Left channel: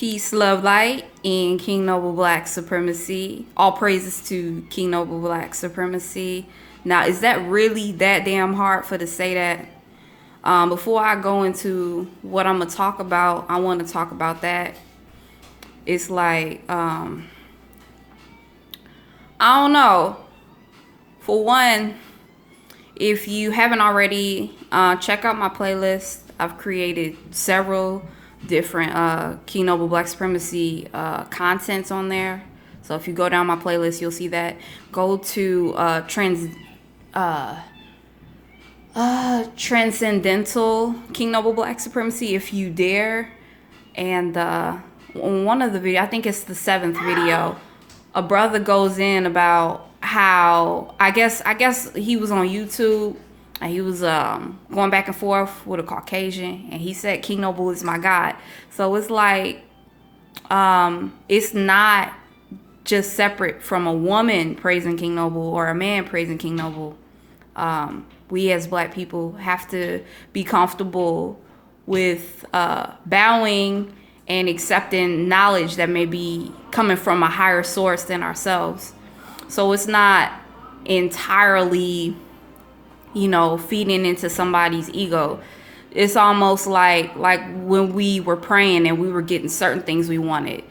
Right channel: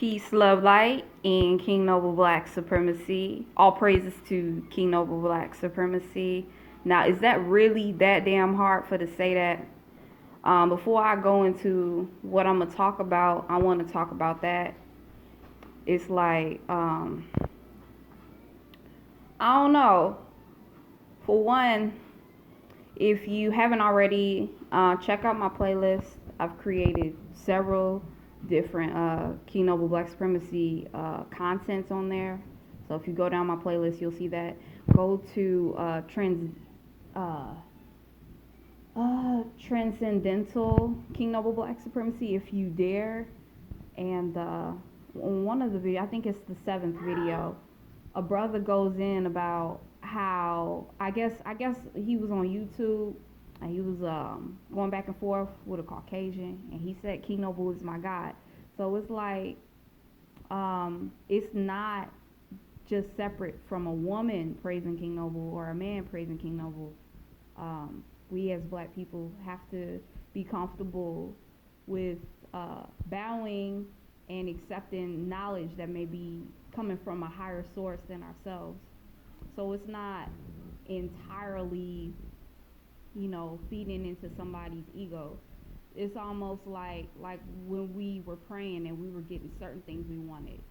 Peace, love, light, and King Noble Black Supremacy. All praises to King Noble Black Supremacy. Now, is that really that damn hard for to say that? Before I go into what I'm gonna talk about, I want to talk about that. It's like I don't know. For one, if you haven't already, check out my playlist. I've created several different King Noble Black Supremacy contents on there. So if you go down my playlist, you'll see that. Go to Transcendental King Noble Black Supremacy if you dare. And on one of the videos, I think it's the 7th video, a brother goes in about how I guess he was on YouTube and he was going back and forth with a Caucasian, and he said King Noble is my God. So it's like it's not just separate from a woman praising King Noble or a man praising King Noble. We as black people have to be comfortable with bowing and accepting knowledge that may be coming from a higher source than ourselves. So it's not entirely, feeding into somebody's ego. It's almost like when we were praying and we were getting certain things we wanted.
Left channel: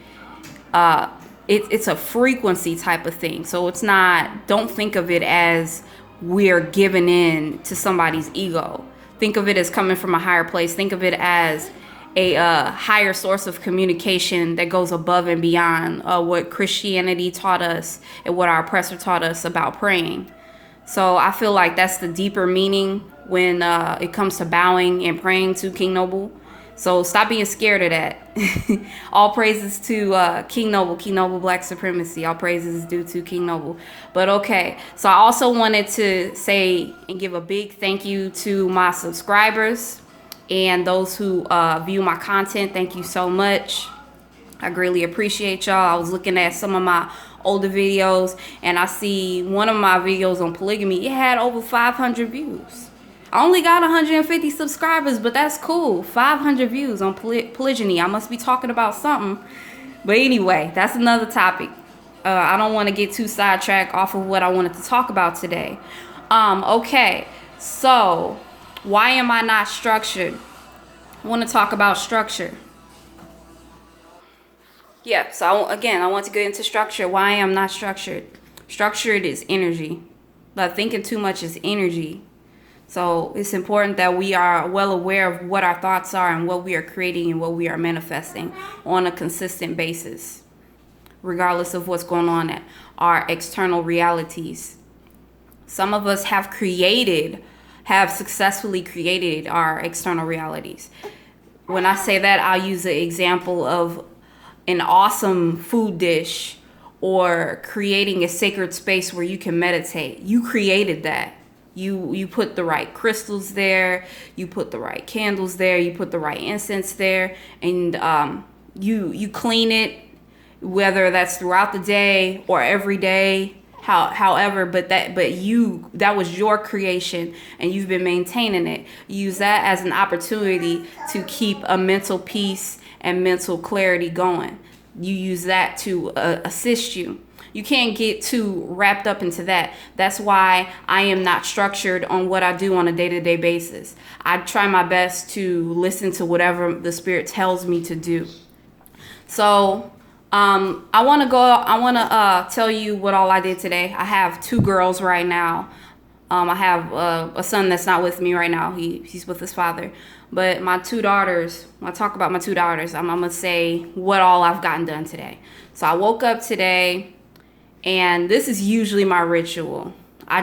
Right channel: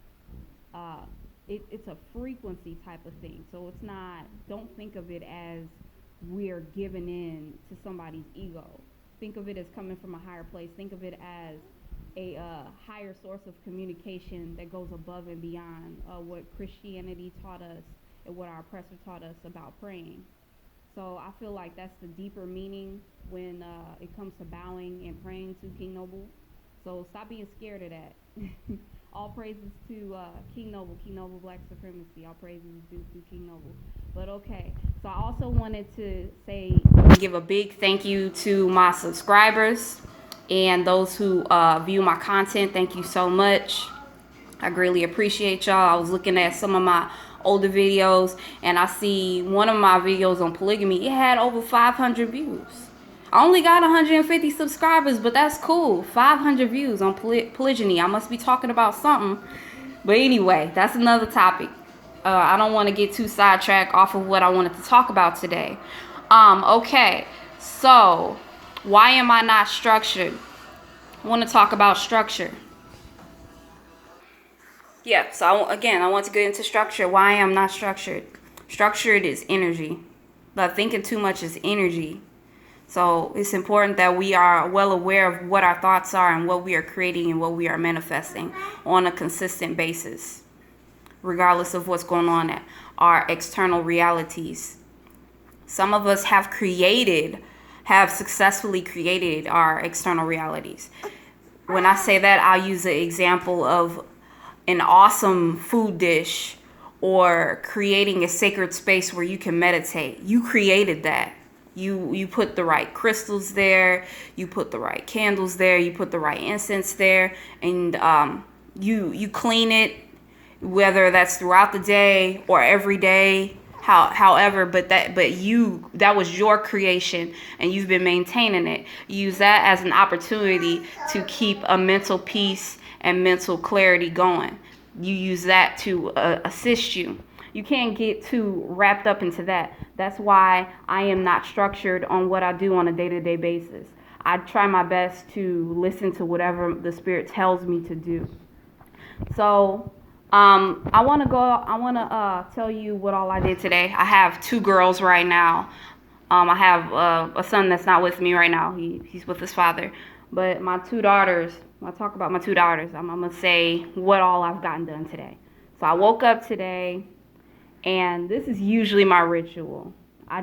It's a frequency type of thing. So it's not, don't think of it as we're giving in to somebody's ego. Think of it as coming from a higher place. Think of it as a higher source of communication that goes above and beyond what Christianity taught us and what our oppressor taught us about praying. So I feel like that's the deeper meaning when it comes to bowing and praying to King Noble. So stop being scared of that. All praises to King Noble Black Supremacy. All praises is due to King Noble. But okay, so I also wanted to say and give a big thank you to my subscribers and those who view my content. Thank you so much. I greatly appreciate y'all. I was looking at some of my older videos and I see one of my videos on polygamy. It had over 500 views. I only got 150 subscribers, but that's cool. 500 views on polygyny. I must be talking about something. But anyway, that's another topic. I don't want to get too sidetracked off of what I wanted to talk about today. Okay, so why am I not structured? I want to talk about structure. Yeah, so I want to get into structure. Why I'm not structured. Structured is energy. But thinking too much is energy. So it's important that we are well aware of what our thoughts are and what we are creating and what we are manifesting on a consistent basis, regardless of what's going on at our external realities. Some of us have successfully created our external realities. When I say that, I'll use the example of an awesome food dish or creating a sacred space where you can meditate. You created that. You put the right crystals there, you put the right candles there, you put the right incense there, and you clean it, whether that's throughout the day or every day, however, but that was your creation and you've been maintaining it. You use that as an opportunity to keep a mental peace and mental clarity going. You use that to assist you. You can't get too wrapped up into that. That's why I am not structured on what I do on a day-to-day basis. I try my best to listen to whatever the Spirit tells me to do. So I want to tell you what all I did today. I have 2 girls right now. I have a son that's not with me right now. He's with his father. But my 2 daughters, when I talk about my 2 daughters, I'm going to say what all I've gotten done today. So I woke up today. And this is usually my ritual. I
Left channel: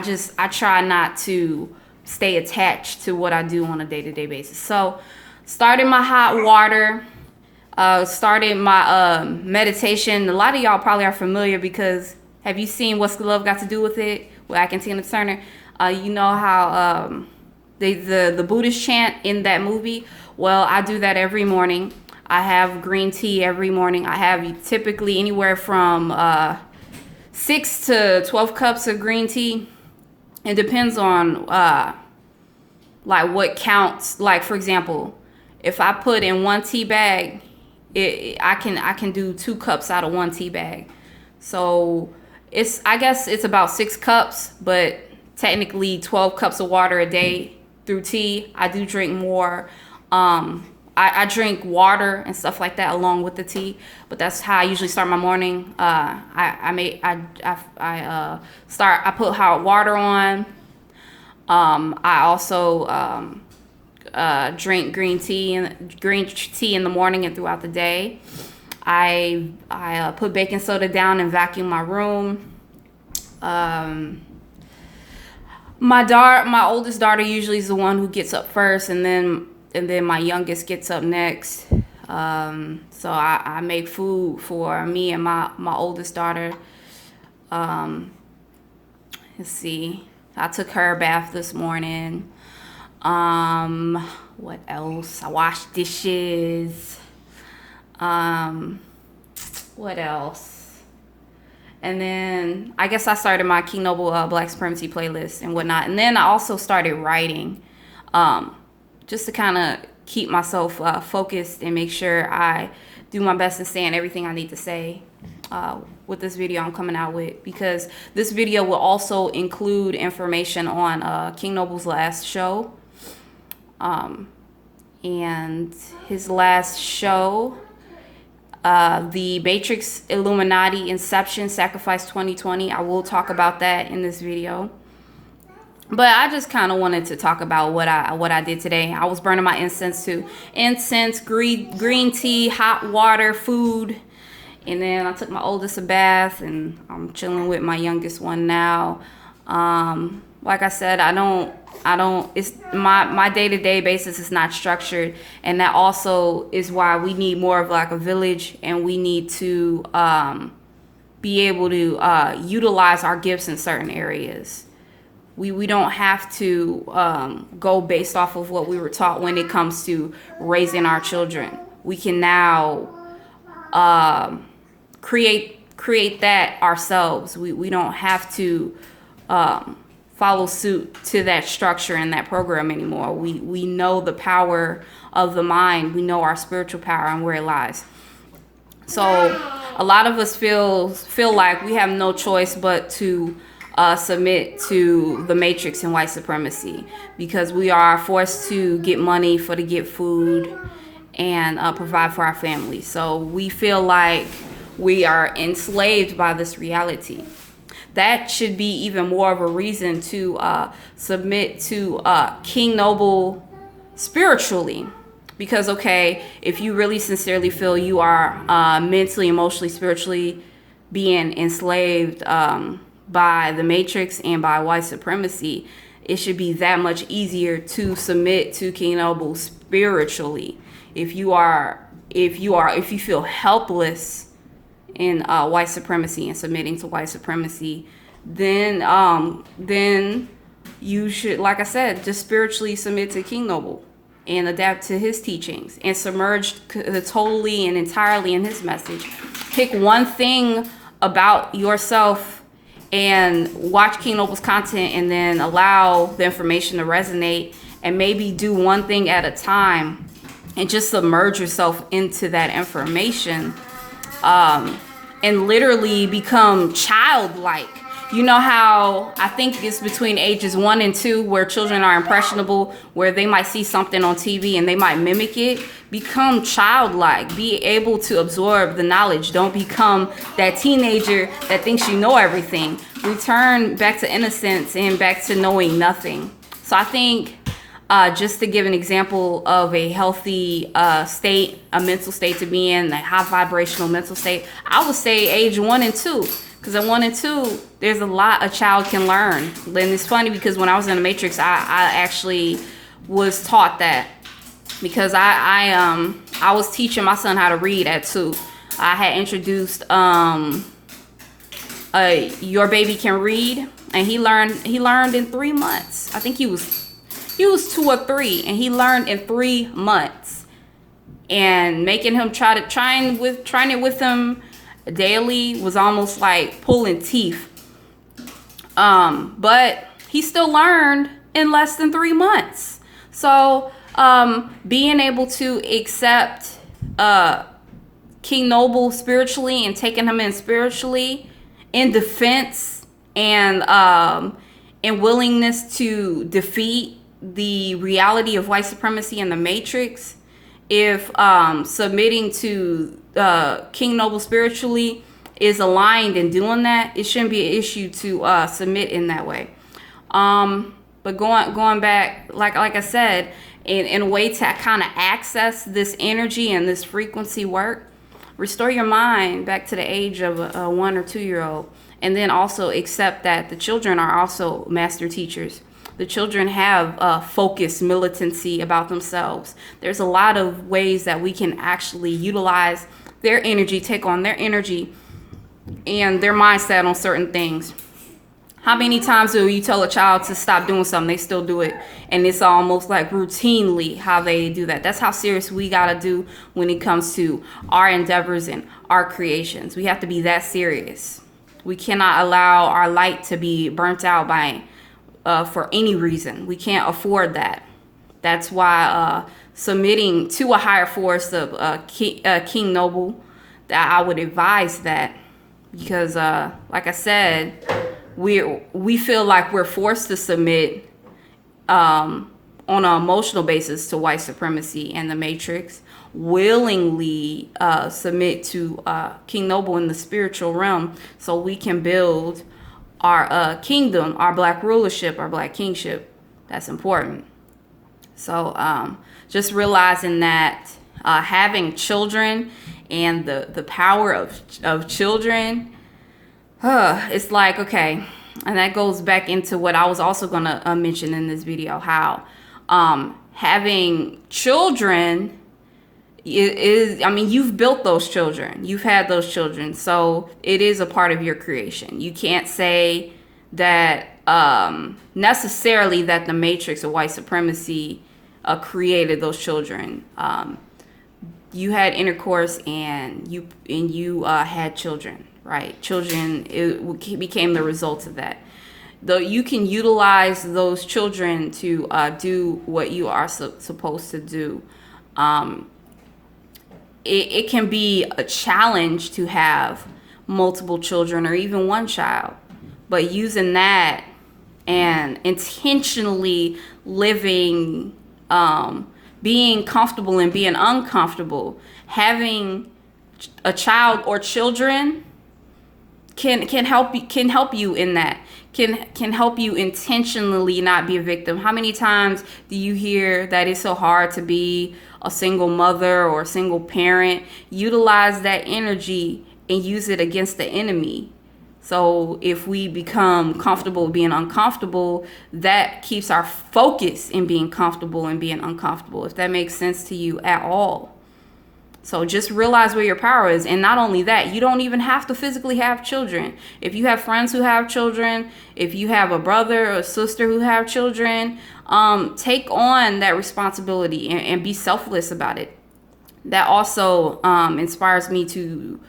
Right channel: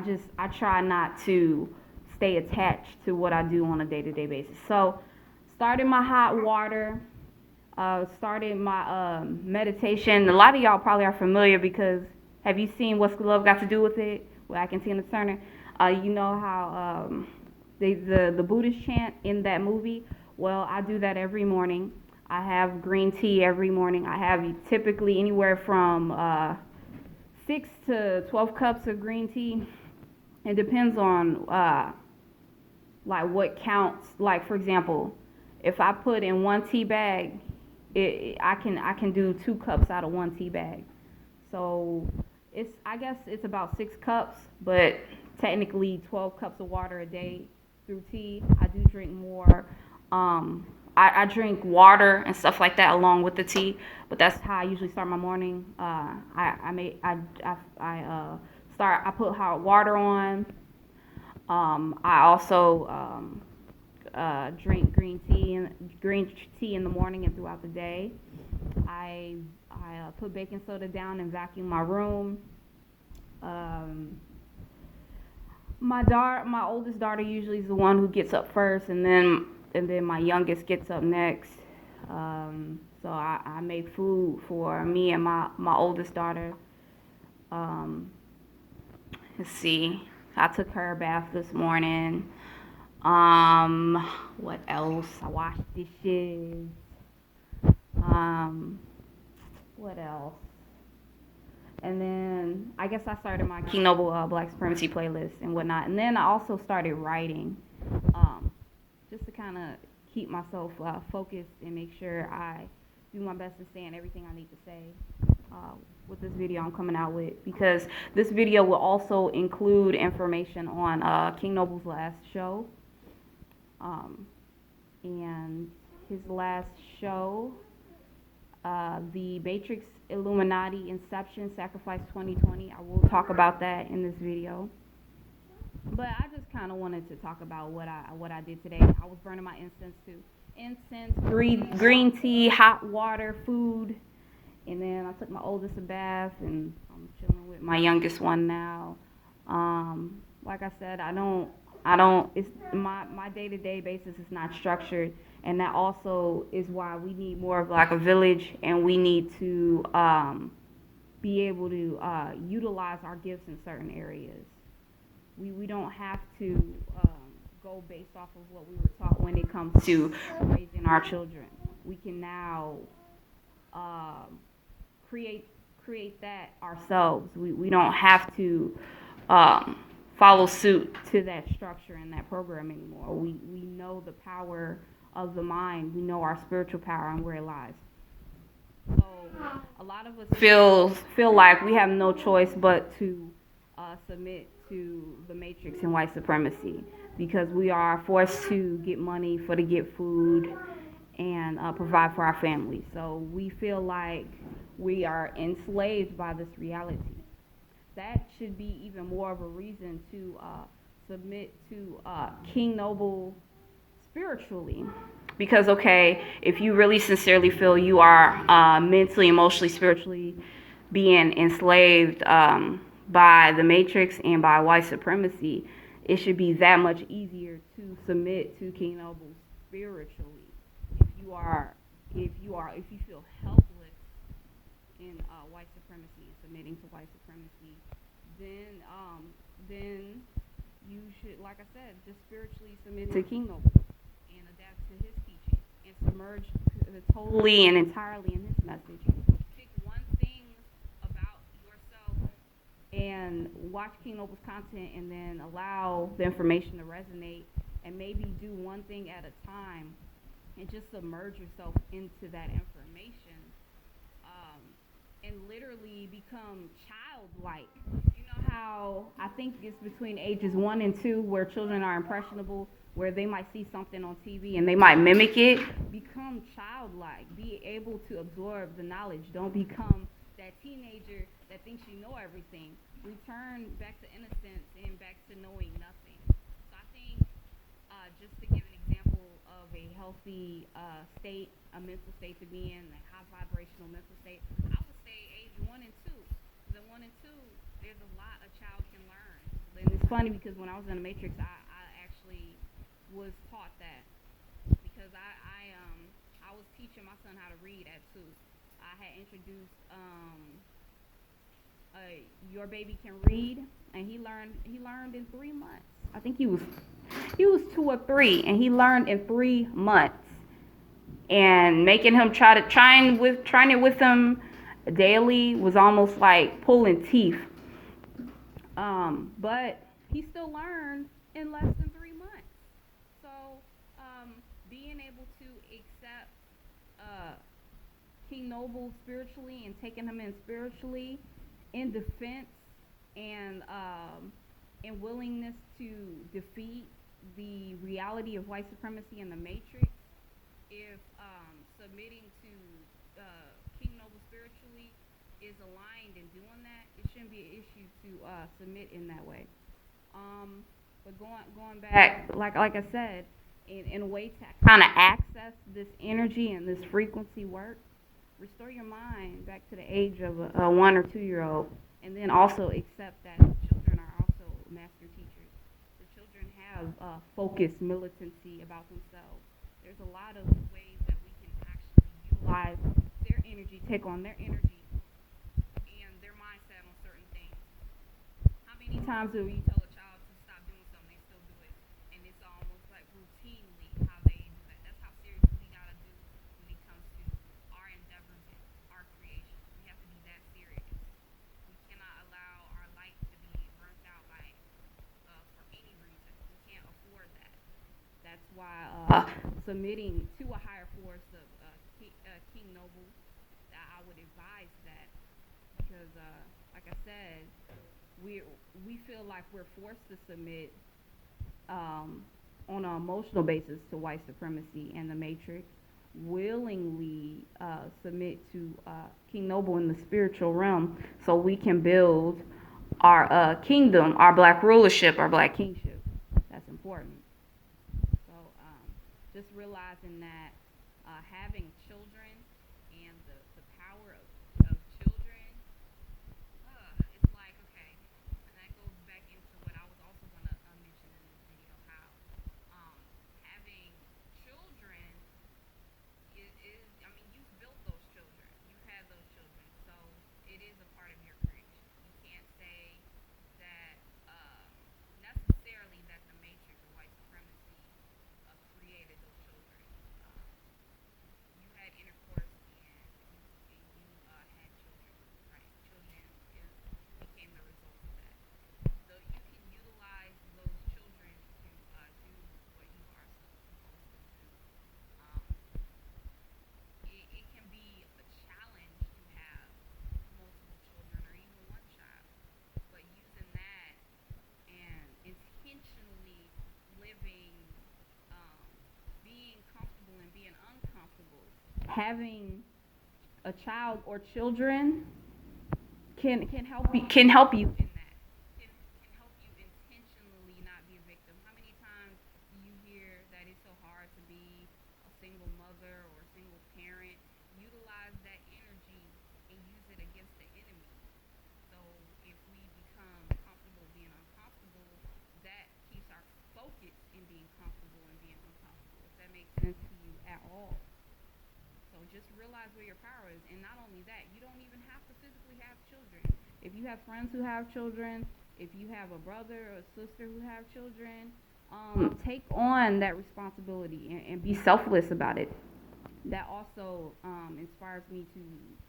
try not to stay attached to what I do on a day-to-day basis. So started my hot water, started my meditation. A lot of y'all probably are familiar because have you seen What's the Love Got to Do with It with Ike and Tina Turner? You know how the Buddhist chant in that movie? Well, I do that every morning. I have green tea every morning. I have typically anywhere from 6 to 12 cups of green tea. It depends on like what counts. Like for example, if I put in 1 tea bag, I can do 2 cups out of 1 tea bag. So I guess it's about 6 cups, but technically 12 cups of water a day through tea. I do drink more. I drink water and stuff like that along with the tea, but that's how I usually start my morning. I put hot water on. I also drink green tea in the morning and throughout the day. I put baking soda down and vacuum my room. My oldest daughter usually is the one who gets up first, and then my youngest gets up next. So I make food for me and my oldest daughter. Let's see. I took her a bath this morning. What else? I washed dishes. What else? And then I guess I started my King Noble Black Supremacy playlist and whatnot. And then I also started writing, just to kind of keep myself focused and make sure I do my best in saying everything I need to say with this video I'm coming out with. Because this video will also include information on King Noble's last show. And his last show, the Matrix Illuminati Inception Sacrifice 2020. I will talk about that in this video. But I just kind of wanted to talk about what I did today. I was burning my incense too. Incense, green tea, hot water, food. And then I took my oldest a bath, and I'm chilling with my youngest one now. Like I said, it's my day-to-day basis is not structured, and that also is why we need more of like a village, and we need to be able to utilize our gifts in certain areas. We don't have to go based off of what we were taught when it comes to raising our children. We can now create that ourselves. We don't have to follow suit to that structure and that program anymore. We know the power of the mind. We know our spiritual power and where it lies. So a lot of us feel like we have no choice but to submit to the Matrix and white supremacy, because we are forced to get money to get food and provide for our families. So we feel like we are enslaved by this reality. That should be even more of a reason to submit to King Noble spiritually. Because, okay, if you really sincerely feel you are mentally, emotionally, spiritually being enslaved by the Matrix and by white supremacy, it should be that much easier to submit to King Noble spiritually. If you feel helpless in white supremacy and submitting to white supremacy, then you should, like I said, just spiritually submit to King Noble and adapt to his teachings and submerge totally and entirely in his message. Pick one thing about yourself and watch King Noble's content, and then allow the information to resonate, and maybe do one thing at a time and just submerge yourself into that information, and literally become childlike. You know how I think it's between ages 1 and 2 where children are impressionable, where they might see something on TV and they might mimic it. Become childlike. Be able to absorb the knowledge. Don't become that teenager that thinks you know everything. Return back to innocence and back to knowing nothing. So I think just to give an example of a healthy state, a mental state to be in, a high vibrational mental state, I would say age 1 and 2. Because at 1 and 2, there's a lot a child can learn. And it's funny because when I was in the Matrix, I actually was taught that. Because I was teaching my son how to read at 2. I had introduced Your Baby Can Read, and he learned in 3 months. I think he was 2 or 3, and he learned in 3 months. And making him trying it with him daily was almost like pulling teeth. But he still learned in less than 3 months. So being able to accept King Noble spiritually and taking him in spiritually in defense and willingness to defeat the reality of white supremacy and the Matrix, if submitting to King Noble spiritually is aligned in doing that, it shouldn't be an issue to submit in that way. But going back, like I said, in a way to kind of access this energy and this frequency work, restore your mind back to the age of a 1 or 2 year old, and then also accept that the children are also master teachers. The children have focused militancy about themselves. There's a lot of ways that we can actually utilize their energy, take on their energy and their mindset on certain things. How many times do you tell a child to stop doing something, they still do it, and it's almost like routinely how they do that? That's how serious we gotta do when it comes to our endeavors and our creations. We have to be that serious. We cannot allow our light to be burnt out by for any reason. We can't afford that. That's why submitting to a higher force of King Noble, that I would advise that, because like I said, we feel like we're forced to submit on an emotional basis to white supremacy and the Matrix, willingly submit to King Noble in the spiritual realm so we can build our kingdom, our black rulership, our black kingship. That's important. So just realizing that having children and the power of children, it's like, okay, and that goes back into what I was also going to mention in this video, how having children is, I mean, you've built those children, you've had those children, so it is a part of your creation. You can't say that necessarily that the Matrix or white supremacy created those children. You had intercourse and you had children, right? Children, it became the result of that. Though you can utilize those children to do what you are supposed to do. It can be a challenge to have multiple children or even one child, but using that and intentionally living, being comfortable and being uncomfortable, having a child or children can help you in that. Can help you intentionally not be a victim. How many times do you hear that it's so hard to be a single mother or a single parent? Utilize that energy and use it against the enemy. So if we become comfortable being uncomfortable, that keeps our focus in being comfortable and being uncomfortable, if that makes sense to you at all. So just realize where your power is. And not only that, you don't even have to physically have children. If you have friends who have children, if you have a brother or a sister who have children, take on that responsibility and be selfless about it. That also inspires me to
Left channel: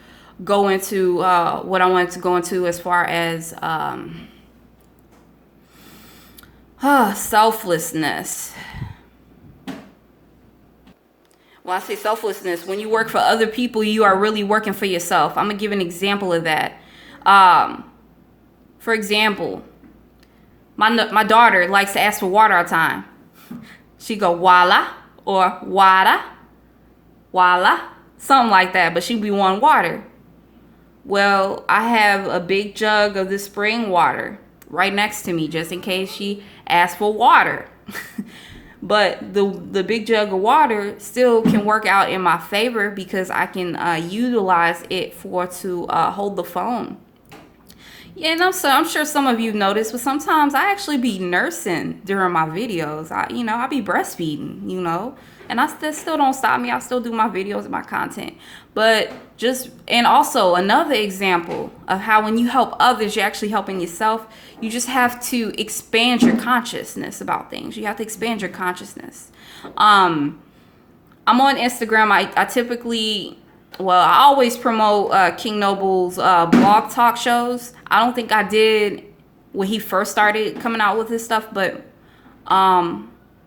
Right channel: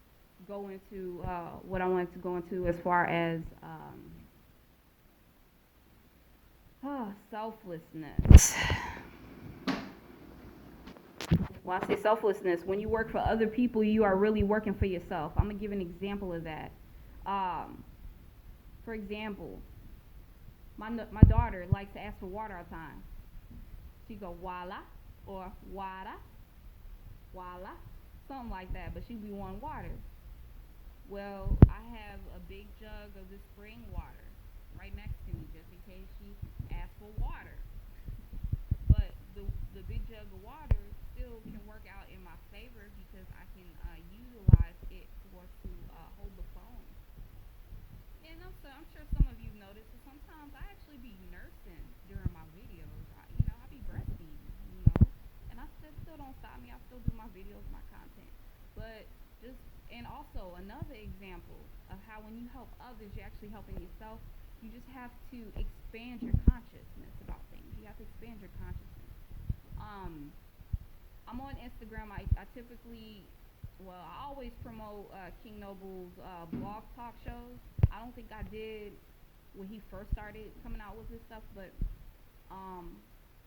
go into what I wanted to go into as far as selflessness. When I say selflessness, when you work for other people, you are really working for yourself. I'm going to give an example of that. For example, my daughter likes to ask for water all the time. She go, wala, or wada, wala, something like that, but she be wanting water. Well, I have a big jug of the spring water right next to me just in case she asks for water. But the big jug of water still can work out in my favor because I can utilize it to hold the phone. Yeah, and I'm sure some of you noticed, but sometimes I actually be nursing during my videos. I be breastfeeding, and that still don't stop me. I still do my videos and my content. But and also another example of how when you help others, you're actually helping yourself. You just have to expand your consciousness about things. You have to expand your consciousness. I'm on Instagram. I typically, I always promote King Noble's blog talk shows. I don't think I did when he first started coming out with his stuff, but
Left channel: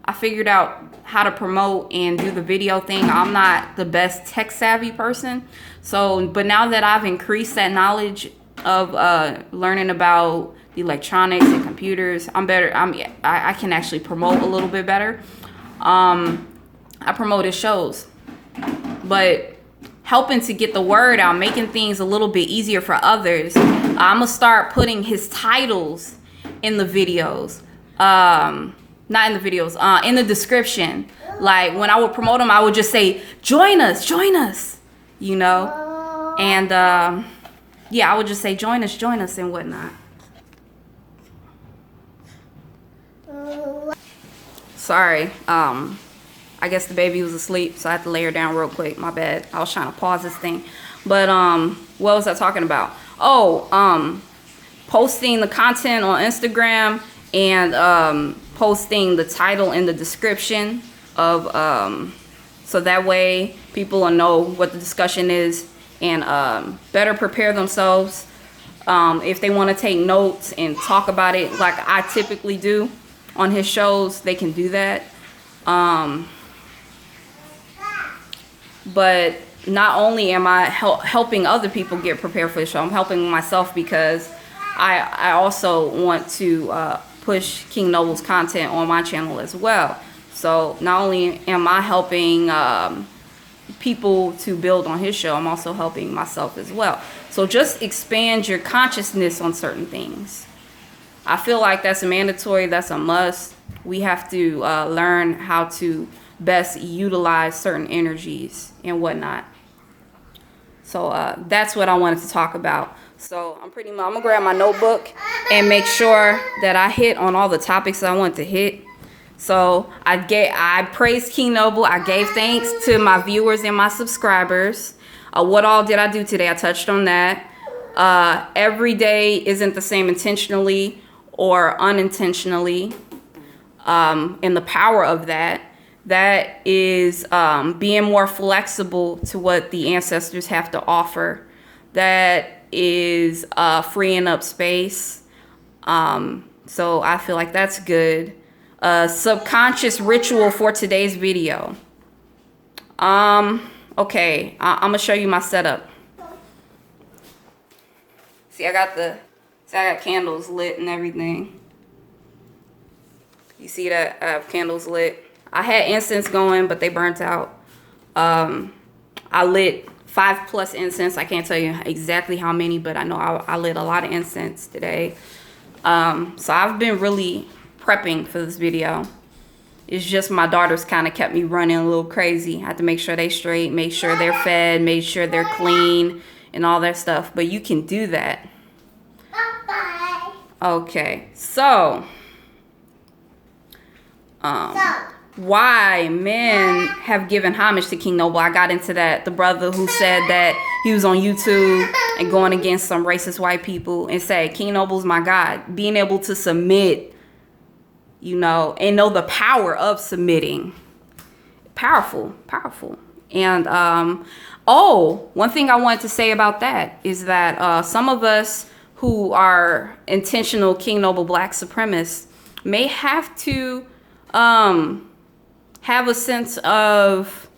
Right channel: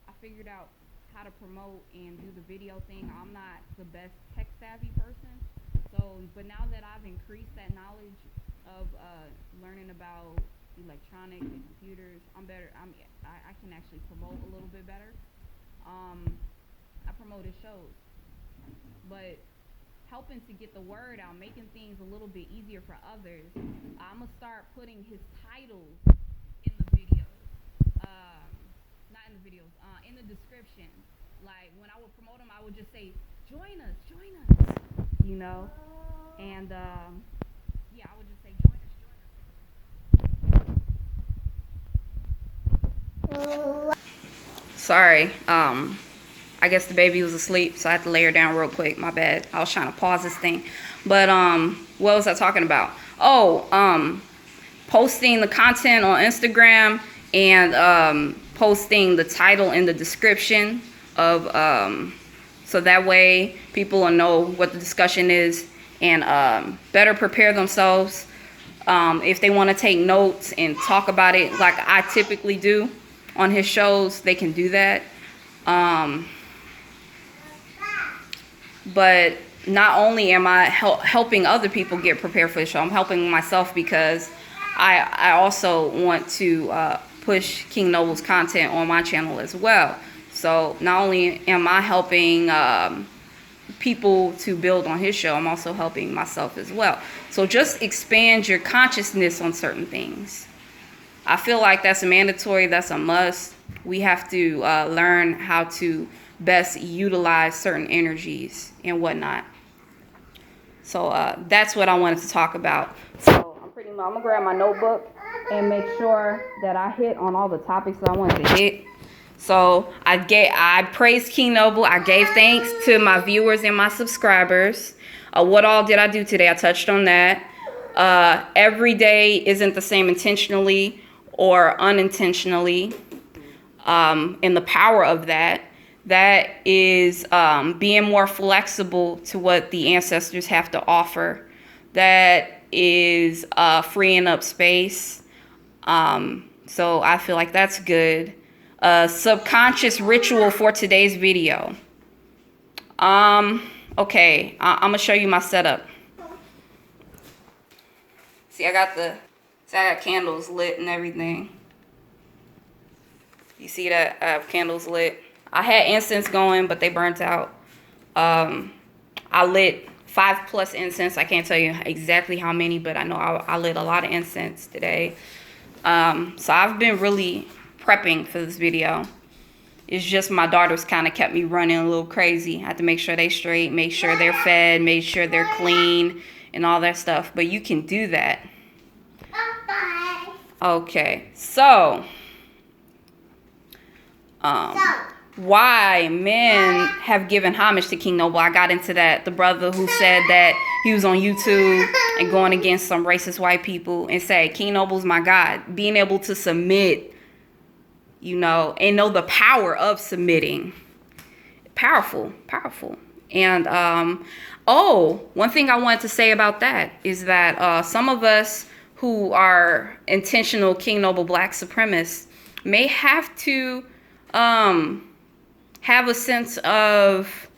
I figured out how to promote and do the video thing. I'm not the best tech savvy person. So, but now that I've increased that knowledge of learning about electronics and computers, I'm better. I can actually promote a little bit better. I promoted shows, but helping to get the word out, making things a little bit easier for others. I'm gonna start putting his titles in the videos. Not in the videos, in the description. Like when I would promote them, I would just say, join us, you know? And yeah, I would just say, join us and whatnot. Sorry, I guess the baby was asleep, so I had to lay her down real quick. My bad. I was trying to pause this thing. But what was I talking about? Oh, posting the content on Instagram and posting the title in the description of so that way people will know what the discussion is and better prepare themselves if they want to take notes and talk about it like I typically do on his shows. They can do that. But not only am I helping other people get prepared for the show, I'm helping myself because I also want to push King Noble's content on my channel as well. So not only am I helping people to build on his show, I'm also helping myself as well. So just expand your consciousness on certain things. I feel like that's a mandatory, that's a must. We have to learn how to best utilize certain energies and whatnot. So that's what I wanted to talk about. So I'm gonna grab my notebook and make sure that I hit on all the topics that I want to hit. So I praised King Noble. I gave thanks to my viewers and my subscribers. What all did I do today? I touched on that. Every day isn't the same intentionally or unintentionally. And the power of that is being more flexible to what the ancestors have to offer. That is freeing up space. So I feel like that's good. Subconscious ritual for today's video. Okay, I'm gonna show you my setup. See, I got candles lit and everything. You see that? I have candles lit. I had incense going, but they burnt out. I lit 5+ incense. I can't tell you exactly how many, but I know I lit a lot of incense today. So I've been really prepping for this video. It's just my daughters kind of kept me running a little crazy. I had to make sure they straight, make sure they're fed, make sure they're clean and all that stuff. But you can do that. Okay, so why men have given homage to King Noble. I got into that. The brother who said that he was on YouTube and going against some racist white people and said, King Noble's my God. Being able to submit, you know, and know the power of submitting. Powerful. And, one thing I wanted to say about that is that some of us who are intentional King Noble Black supremacists may have to have a sense of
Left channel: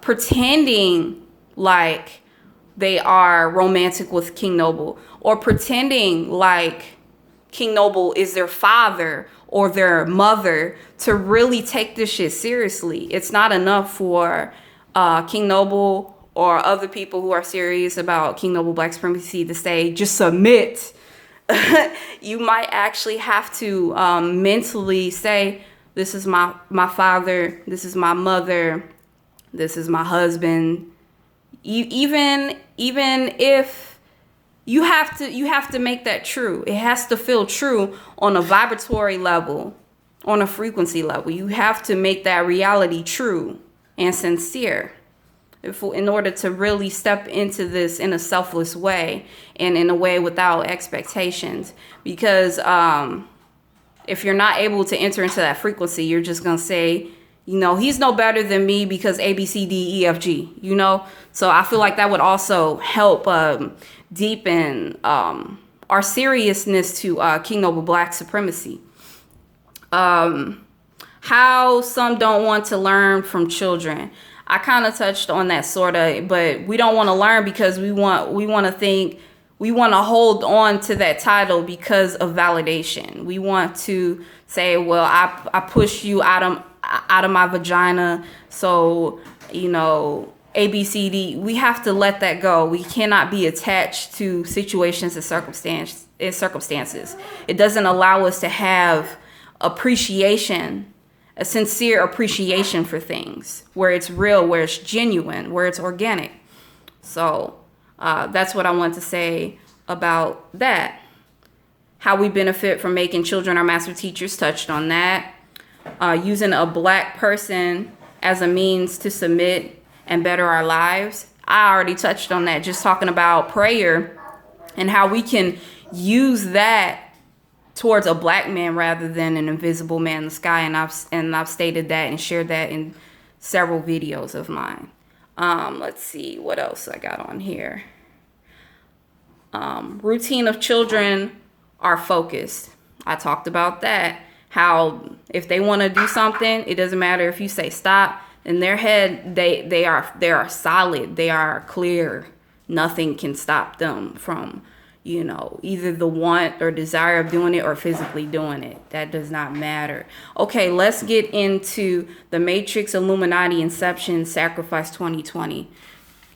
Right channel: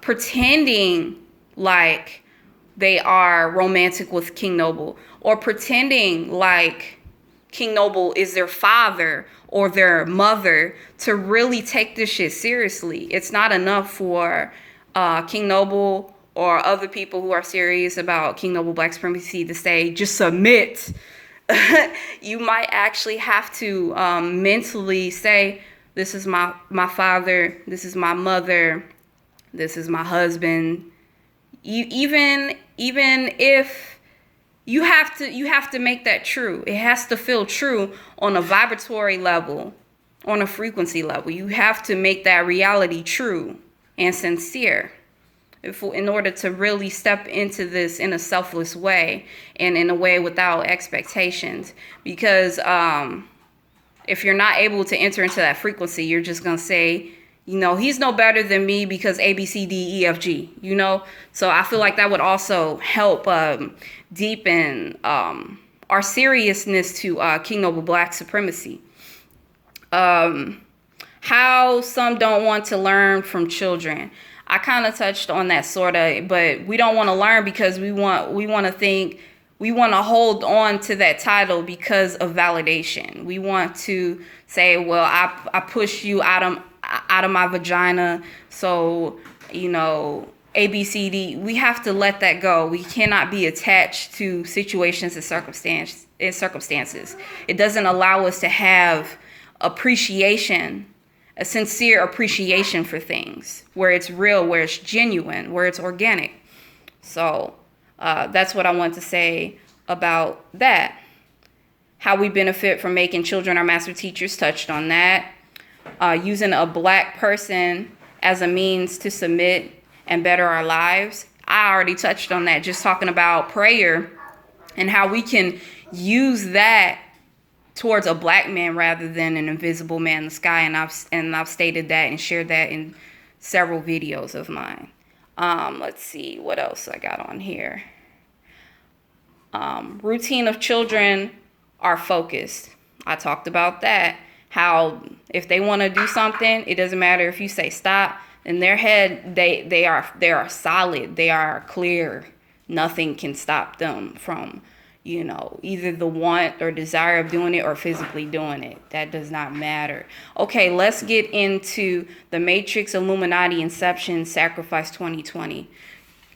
pretending like they are romantic with King Noble, or pretending like King Noble is their father or their mother, to really take this shit seriously. It's not enough for King Noble or other people who are serious about King Noble Black supremacy to say, just submit. You might actually have to mentally say, this is my father, this is my mother, this is my husband. Even if you have to make that true. It has to feel true on a vibratory level, on a frequency level. You have to make that reality true and sincere in order to really step into this in a selfless way and in a way without expectations. Because if you're not able to enter into that frequency, you're just going to say, you know, he's no better than me because A, B, C, D, E, F, G, you know? So I feel like that would also help deepen our seriousness to King Noble Black supremacy. How some don't want to learn from children. I kind of touched on that sort of, but we don't want to learn because we want to hold on to that title because of validation. We want to say, well, I pushed you out of my vagina, so ABCD. We have to let that go. We cannot be attached to situations and circumstances. It doesn't allow us to have appreciation, a sincere appreciation for things, where it's real, where it's genuine, where it's organic. So that's what I want to say about that. How we benefit from making children our master teachers, touched on that. Using a black person as a means to submit and better our lives. I already touched on that, just talking about prayer and how we can use that towards a black man rather than an invisible man in the sky. And I've stated that and shared that in several videos of mine. Let's see what else I got on here. Routine of children are focused. I talked about that. How if they want to do something, it doesn't matter if you say stop. In their head, they are solid. They are clear. Nothing can stop them from, either the want or desire of doing it or physically doing it. That does not matter. Okay, let's get into the Matrix, Illuminati, Inception, Sacrifice 2020.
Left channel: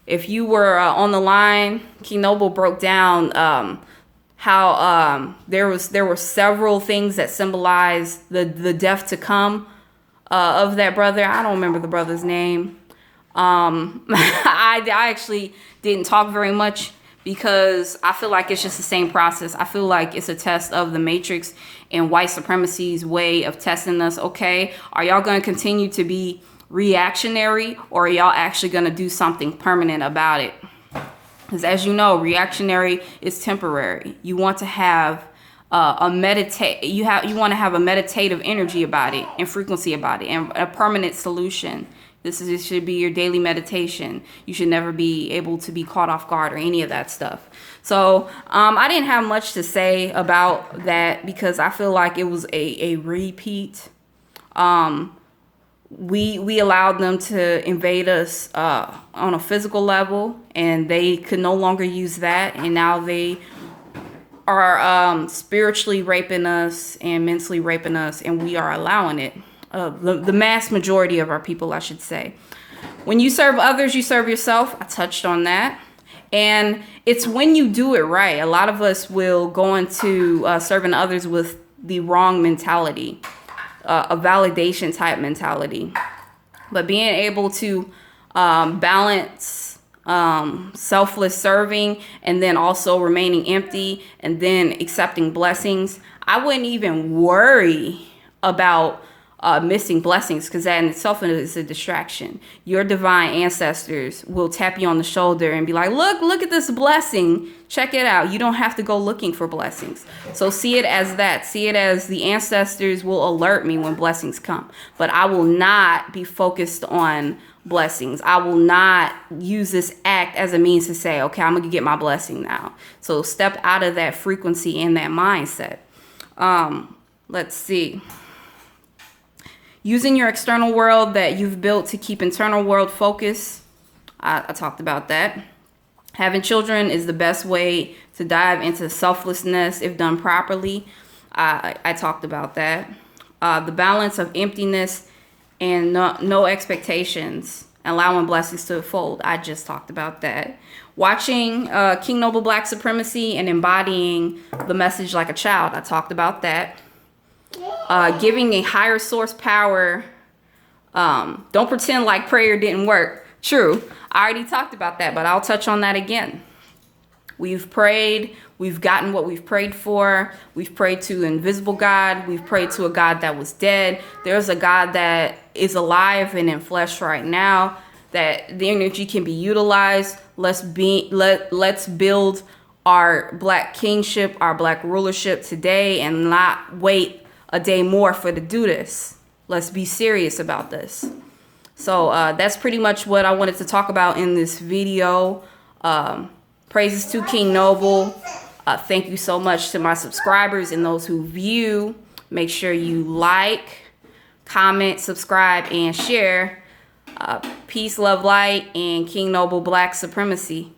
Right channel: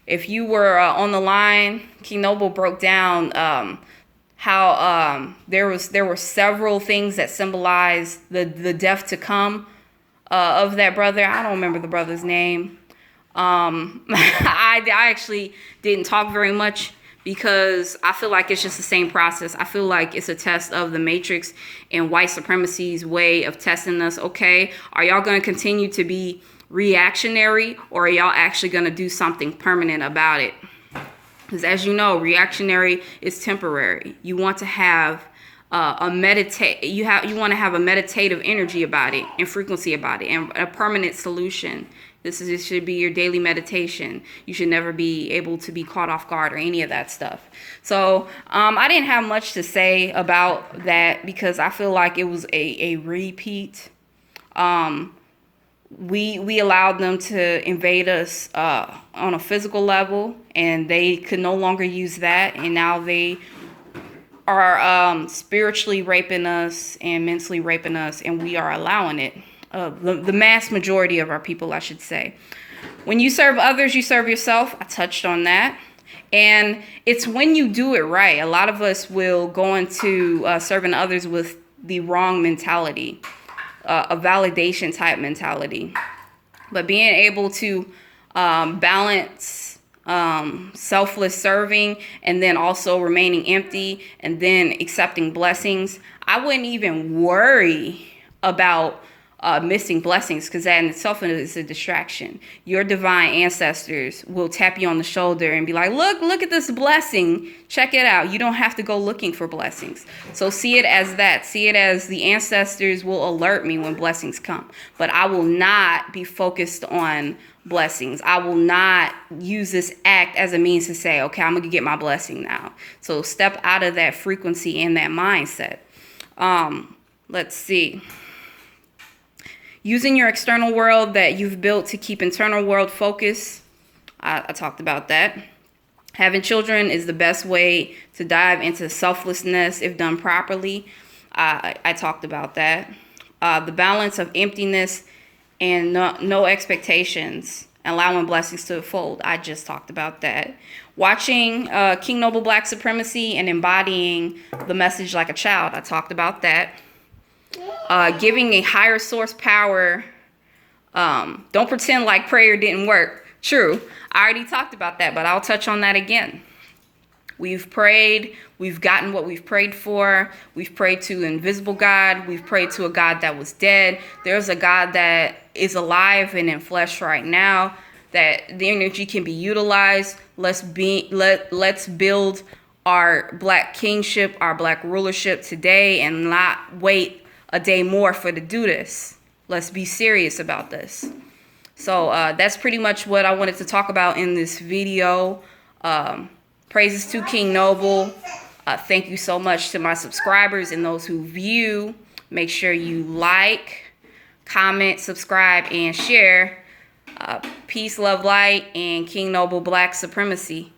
If you were on the line, King Noble broke down how there were several things that symbolized the death to come of that brother. I don't remember the brother's name. I actually didn't talk very much because I feel like it's just the same process. I feel like it's a test of the Matrix and white supremacy's way of testing us. Okay, are y'all going to continue to be reactionary, or are y'all actually going to do something permanent about it? Because as you know, reactionary is temporary. You want to have you want to have a meditative energy about it and frequency about it and a permanent solution. This should be your daily meditation. You should never be able to be caught off guard or any of that stuff. So I didn't have much to say about that because I feel like it was a repeat. We allowed them to invade us on a physical level, and they could no longer use that. And now they are spiritually raping us and mentally raping us, and we are allowing it. The mass majority of our people, I should say. When you serve others, you serve yourself. I touched on that. And it's when you do it right. A lot of us will go into serving others with the wrong mentality. A validation type mentality, but being able to balance selfless serving and then also remaining empty and then accepting blessings. I wouldn't even worry about missing blessings, because that in itself is a distraction. Your divine ancestors will tap you on the shoulder and be like, look at this blessing. Check it out. You don't have to go looking for blessings. So see it as that. See it as the ancestors will alert me when blessings come. But I will not be focused on blessings. I will not use this act as a means to say, okay, I'm going to get my blessing now. So step out of that frequency and that mindset. Let's see. Using your external world that you've built to keep internal world focus. I talked about that. Having children is the best way to dive into selflessness if done properly. I talked about that. The balance of emptiness and no expectations, allowing blessings to unfold. I just talked about that. Watching King Noble Black Supremacy and embodying the message like a child. I talked about that. Giving a higher source power. Don't pretend like prayer didn't work. True. I already talked about that, but I'll touch on that again. We've prayed. We've gotten what we've prayed for. We've prayed to an invisible God. We've prayed to a God that was dead. There's a God that is alive and in flesh right now, that the energy can be utilized. Let's build our black kingship, our black rulership today, and not wait a day more to do this. Let's be serious about this. So that's pretty much what I wanted to talk about in this video. Praises to King Noble. Thank you so much to my subscribers and those who view. Make sure you like, comment, subscribe, and share. Peace, love, light, and King Noble Black Supremacy.